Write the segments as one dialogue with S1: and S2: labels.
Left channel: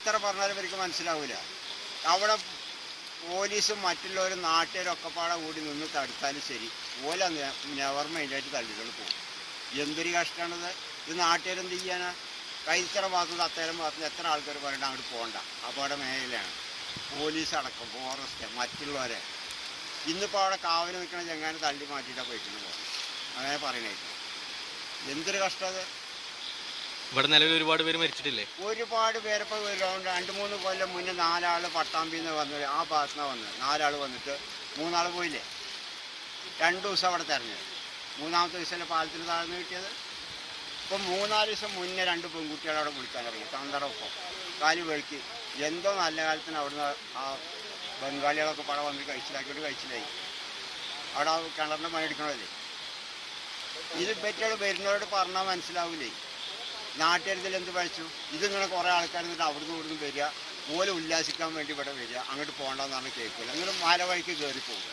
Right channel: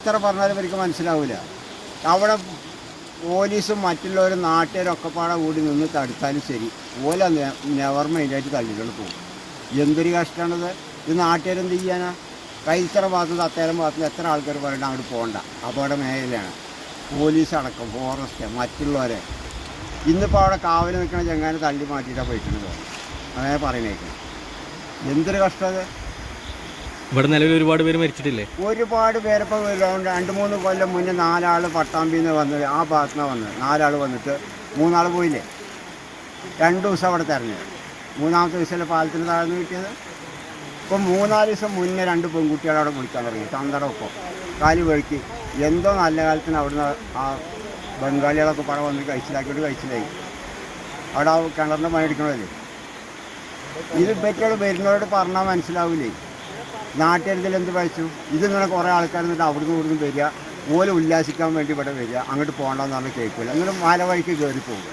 S1: എത്ര പറഞ്ഞാലും ഇവർക്ക് മനസ്സിലാവില്ല അവിടെ പോലീസും മറ്റുള്ളവരും നാട്ടുകാരും ഒക്കെ പാടെ കൂടി നിന്ന് തടുത്താലും ശരി. ഓല നെവർ മൈൻഡായിട്ട് തള്ളികൾ പോകും. എന്തൊരു കഷ്ടമാണത് ഇത് നാട്ടുകാരെന്ത് ചെയ്യാനാ? കൈത്തറ ഭാഗത്ത് അത്തേരം ഭാഗത്ത് എത്ര ആൾക്കാർ പറയണ്ട അങ്ങോട്ട് പോകണ്ട അപകട മേഖലയാണ്. പോലീസ് അടക്കം ഫോറസ്റ്റ് മറ്റുള്ളവരെ. ഇന്നിപ്പോൾ അവിടെ കാവൽ നിൽക്കുന്ന ചെങ്ങാനെ തള്ളി മാറ്റിയിട്ടാണ് പോയിട്ടുണ്ട്. അങ്ങനെ പറയുന്നേക്കും. എന്തൊരു കഷ്ടം
S2: ഇവിടെ നിലവിൽ ഒരുപാട് പേര് മരിച്ചിട്ടില്ലേ?
S1: ഒരുപാട് പേരിപ്പോൾ രണ്ട് മൂന്ന് കൊല്ലം മുന്നേ നാലാൾ പട്ടാമ്പിന്ന് വന്നത് ആ ഭാഗത്തുനിന്ന് വന്നത്. നാലാൾ വന്നിട്ട് മൂന്നാൾ പോയില്ലേ? രണ്ട് ദിവസം അവിടെ തെരഞ്ഞു. മൂന്നാമത്തെ ദിവസമല്ലേ പാലത്തിന് താഴ്ന്നു കിട്ടിയത്? ഇപ്പം മൂന്നാൽ ദിവസം മുന്നേ രണ്ട് പെൺകുട്ടികൾ അവിടെ വിളിക്കാൻ തുടങ്ങി. തന്തടൊപ്പം കാൽ വഴുക്കി. എന്തോ നല്ല കാലത്തിന് അവിടുന്ന് ആ ബംഗാളികളൊക്കെ പടം വന്ന് കഴിച്ചിലാക്കിയിട്ട് കഴിച്ചിലായി. അവിടെ ആ കിണറിന്റെ മണി എടുക്കണമല്ലേ ഇത് പറ്റിയത് വരുന്നവരോട് പറഞ്ഞാൽ മനസ്സിലാവില്ലേ നാട്ടുകാരിൽ എന്ത് വായിച്ചു ഇത് ഇങ്ങനെ കുറേ ആൾക്കാർ എന്നിട്ട് അവിടുന്ന് ഇവിടുന്ന് വരിക. പോലെ ഉല്ലാസിക്കാൻ വേണ്ടി ഇവിടെ വരിക. അങ്ങോട്ട് പോകണ്ടെന്ന് പറഞ്ഞാൽ കേൾക്കില്ല എന്നിട്ട് മല വഴിക്ക് കയറി പോകും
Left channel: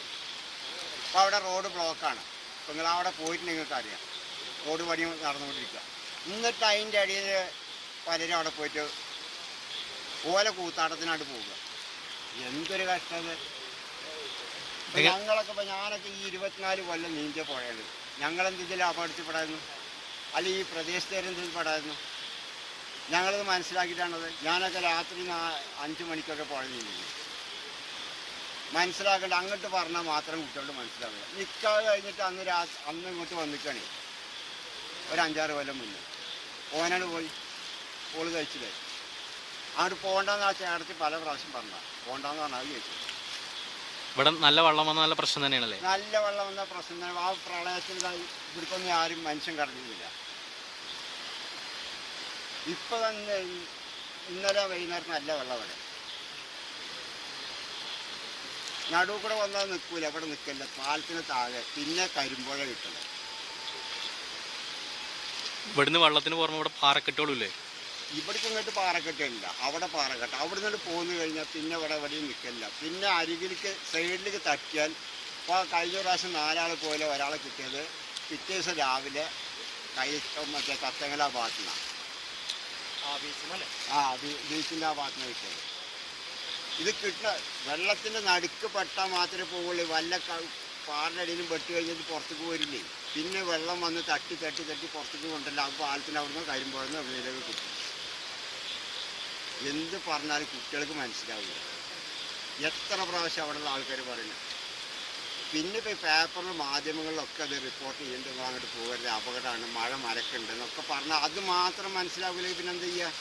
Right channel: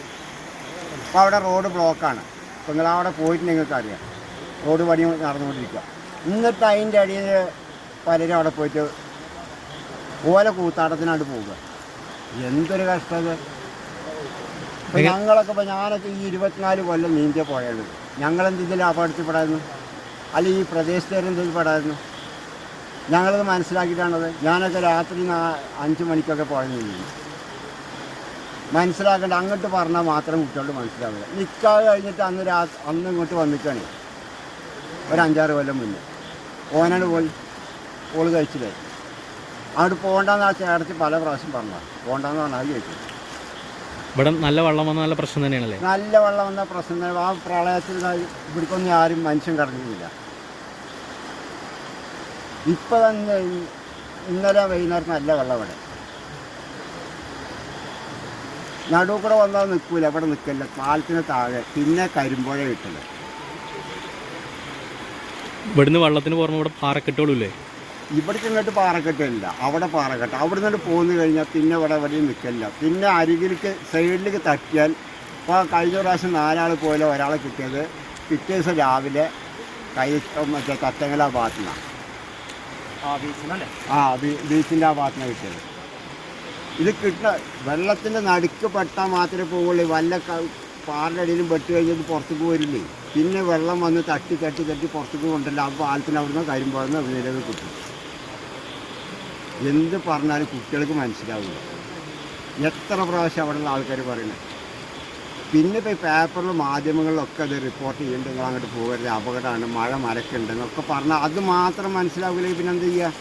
S1: അപ്പോൾ അവിടെ റോഡ് ബ്ലോക്കാണ് അപ്പോൾ നിങ്ങൾ അവിടെ പോയിട്ട് നിങ്ങൾക്ക് അറിയാം റോഡ് പണി നടന്നുകൊണ്ടിരിക്കുക. എന്നിട്ട് അതിന്റെ അടിയിൽ പലരും അവിടെ പോയിട്ട് ഓല കൂത്താട്ടത്തിനായിട്ട് പോവുക. എന്തൊരു കഷ്ടം ഇത്. ഇപ്പം ഞങ്ങളൊക്കെ ഇപ്പോൾ ഞാനൊക്കെ ഈ ഇരുപത്തിനാല് കൊല്ലം നീന്തിയ പോയത് ഞങ്ങളെന്ത് ഇതിൽ അപകടത്തിൽപ്പെടായിരുന്നു അല്ല ഈ പ്രദേശത്തേര് എന്തെങ്കിലും പെടായിരുന്നു? ഞങ്ങളത് മനസ്സിലാക്കിയിട്ടാണത്. ഞാനൊക്കെ രാത്രി അഞ്ച് മണിക്കൊക്കെ നീന്തി മനസ്സിലാക്കേണ്ട അങ്ങോട്ട് പറഞ്ഞാൽ മാത്രം കുട്ടികളോട് മനസ്സിലാവില്ല നിൽക്കാതെ കഴിഞ്ഞിട്ട് അന്ന് രാ അന്ന് ഇങ്ങോട്ട് വന്നിട്ടാണ്. ഒരു അഞ്ചാറ് കൊല്ലം മുന്നേ. ഓനാണ് പോയി. ഓൾ കഴിച്ചില്ലേ? അവിടെ പോകണ്ടെന്ന് ആ ചേർത്ത് പല പ്രാവശ്യം പറഞ്ഞതാണ് പോകണ്ടെന്ന് പറഞ്ഞാൽ ചോദിച്ചു
S2: ഇവിടെ നല്ല വെള്ളം വന്ന നല്ല പ്രശ്നം തന്നെയാണല്ലേ?
S1: നല്ല വെള്ളം വന്ന പ്രശ്നം ആ പ്രളയത്തിൽ ഇവിടേക്കൊന്നും ആരും മനുഷ്യൻ കടന്നിട്ടില്ല ഇപ്പൊ തന്നെ ഇന്നലെ വൈകുന്നേരം നല്ല വെള്ളം ഇവിടെ. നടുവ് കൂടെ വന്നാൽ നിൽക്കൂല ഇവിടെ നിൽക്കില്ല പാലത്തിന് താഴെ. പിന്നെ കരിമ്പോഴ കിട്ടില്ല
S2: ഇവിടുന്ന് വെള്ളത്തിന് പുറമെ ഇവിടെ പാറക്കെട്ടുകളില്ലേ
S1: ഇവിടേക്ക് ചെന്നിട്ട് പാറക്കെട്ടില്ല. അവിടെ പാറക്കെട്ട്. അവിടെ നിന്നിട്ട് പോന്നു കഴിഞ്ഞാൽ പിന്നെ ഇവിടെ എവിടെയും നിൽക്കില്ല പിന്നെ അരികിലേക്ക് സൈഡിലേക്ക് തട്ടിയാൽ ഇപ്പോൾ കഴിഞ്ഞ പ്രാവശ്യം നാലാൾ പോലെ ഒരാളെ കിട്ടിയത് പിറ്റേ ദിവസം രാവിലെ കൈ മറ്റേ തത്തങ്ങല ആ ഭാഗത്തുനിന്നാണ് ആ ബീച്ചിന്റെ ആ ഭാഗത്തുനിന്ന് കിട്ടിയത്. ഇത് കിട്ടുന്ന വെള്ളത്തിന്റെ നടുക്ക് പെട്ടാൽ മാത്രമേ പോവുള്ളൂ. വല്ല പാറിന്റെ അടിയിലും പെട്ട് കഴിഞ്ഞിട്ട് പുറത്തേക്ക് പോരില്ലേ? പിന്നെ വെള്ളം വന്ന് തട്ടി തട്ടി തട്ടി പുറത്തേക്ക് കൊണ്ടല്ല ആ പാലത്തിന് അവിടുന്ന് കരിമ്പോഴെന്ന് വീടത് കിട്ടും. എന്ത് പറഞ്ഞാലും കുട്ടികൾക്ക് മനസ്സിലാവില്ല. എത്ര പ്രാവശ്യം അവിടെയുള്ള ആൾക്കാർ പറയുന്നു? പിന്നെ ഇപ്പോൾ പേപ്പറിലും മാധ്യമങ്ങളിലൊക്കെ അത് റിപ്പോർട്ട് ചെയ്യുന്നുണ്ട് നിങ്ങൾ അങ്ങോട്ട് പോകരുത് അപകടമാണ് മഴ മരക്കുണ്ട് എന്നൊക്കെ പറഞ്ഞാൽ അത് മാത്രം മനസ്സിലാവില്ലെങ്കിൽ പിന്നെ എന്ത് ചെയ്യുക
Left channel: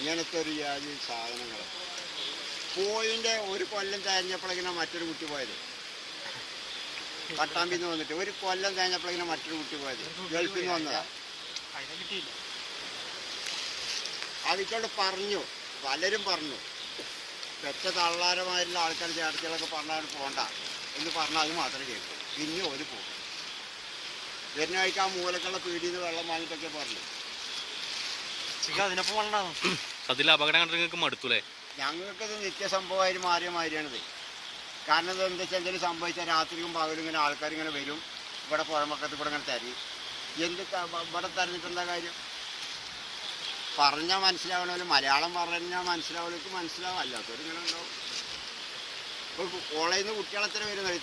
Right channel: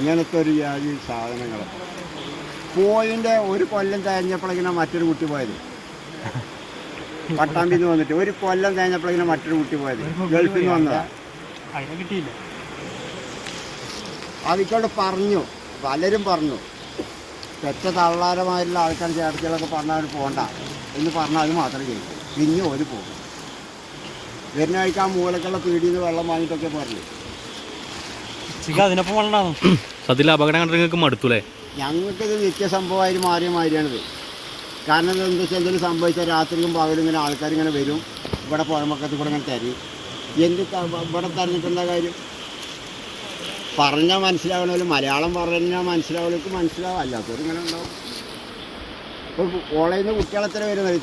S1: ഇങ്ങനത്തെ ഒരു ജാതി സാധനങ്ങൾ പോയിന്റെ ഒരു കൊല്ലം കഴിഞ്ഞപ്പോഴേക്കിനാ മറ്റൊരു കുട്ടി പോയത്. പട്ടാമ്പിന്ന് വന്നിട്ട് ഒരു കൊല്ലം കഴിഞ്ഞപ്പോഴേക്കിനാ മറ്റൊരു കുട്ടി പോയത്. ഗൾഫിൽ നിന്ന്
S3: വന്നതാണ് കിട്ടിയില്ല.
S1: അതിക്കോട് പറഞ്ഞു. പലരും പറഞ്ഞു പെറ്റ തള്ളാരമായിട്ടുള്ള ആൾക്കാർ ചേർത്തികളൊക്കെ പറഞ്ഞാൽ പോകണ്ട എന്ന് പറഞ്ഞാൽ അത് മാത്രം ചെയ്തു പിന്നെ ഒരു പോകും. വരുന്ന ആഴ്ച ആ മൂലക്കുള്ള പീടിയിൽ നിന്ന് വെള്ളം വാങ്ങിയിട്ടൊക്കെ പറഞ്ഞു.
S3: അതിനൊപ്പം വെള്ളമാണ്
S2: അതിൽ അപകടം കണ്ടിട്ട് നിങ്ങൾക്ക് മടുത്തൂലേ
S1: ഞങ്ങൾക്കിത് നിത്യസംഭവമായിട്ട് മാറിയ മാതിരിയാണിത് കാരണം എന്താ വെച്ചാൽ എന്തെങ്കിലും സംഭവിച്ചാൽ രാത്രിയും പകലും ഇങ്ങനെ ആൾക്കാർ ഇങ്ങനെ വരും. ഇവിടെ പുഴമക്കത്ത് കൂടെ ഇങ്ങനെ തരും. എന്ത് ഇവിടെ തന്നിട്ടുള്ള കാര്യം? പറഞ്ഞാൽ മനസ്സിലാവണമല്ലോ മലയാളം പറഞ്ഞാൽ മനസ്സിലാവലേക്ക് മനസ്സിലാവും. അല്ലാത്തവർ ഇങ്ങനെ ഉണ്ടാവും. ഇപ്പോൾ കോളേജിൽ നിന്ന് കുട്ടികളെ എത്ര വരുന്നത് ഈ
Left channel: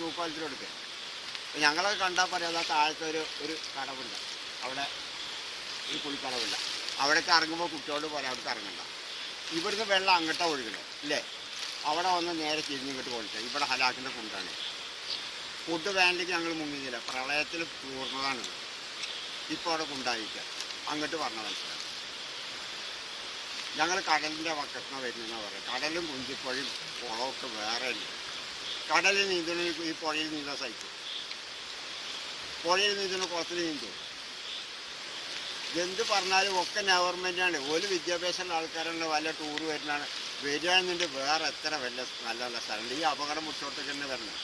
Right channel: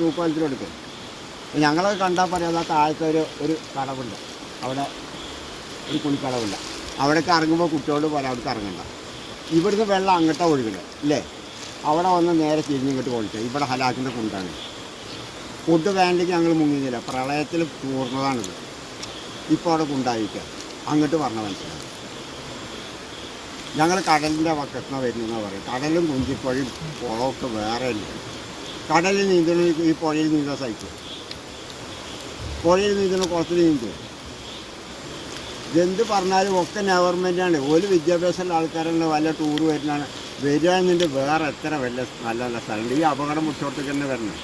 S1: ഞങ്ങളൊക്കെ കണ്ടാൽ പറയാം ആ താഴത്തെ ഒരു ഒരു കടവുണ്ട്. അവിടെ ഒരു കുളിക്കടവുണ്ട്. അവിടേക്ക് ഇറങ്ങുമ്പോൾ കുട്ടികളോട് പറയാം അവിടേക്ക് ഇറങ്ങണ്ട. ഇവിടുന്ന് വെള്ളം അങ്ങോട്ടാണ് ഒഴുകുന്നത് അല്ലേ അവിടെ വന്ന് നേരെ തിരിഞ്ഞിങ്ങോട്ട് കൊളിക്കുക ഇവിടെ ഹലാക്കിന്റെ കുണ്ടാണ്. ഫുഡ് വേണ്ടെങ്കിൽ ഞങ്ങൾ മുങ്ങിയില്ല. പ്രളയത്തിൽ പൂർണതാണിത് ഇപ്പോൾ അവിടെ കുണ്ടായിരിക്കുക അങ്ങോട്ട് പറഞ്ഞ മനസ്സിലാവും. ഞങ്ങൾ കടലിന്റെ വക്കത്തിന് വരുന്നതെന്ന് പറയും കടലും കുഞ്ചിപ്പുഴയും കുളമൊക്കെ വേറെ ഇല്ല കടലിൽ നീന്തൽ ഈ പുഴയിൽ നീന്താൻ സഹിക്കും പുഴയിൽ നീന്തണം കുളത്തിൽ നീന്തും എന്ത് പറഞ്ഞാലും ഒക്കെ ഗവൺമെന്റാണ് ഒരു വിദ്യാഭ്യാസമുള്ള ആൾക്കാരുണ്ട് വല്ല ടൂർ വരുന്നതാണ് വരികയാണെന്നുണ്ടെങ്കിൽ വേറെ എത്ര വല്ല നല്ല നല്ല സ്ഥലമുണ്ട്. ഈ അപകടം മുട്ടോട്ടേക്ക് തന്നെ വരണം.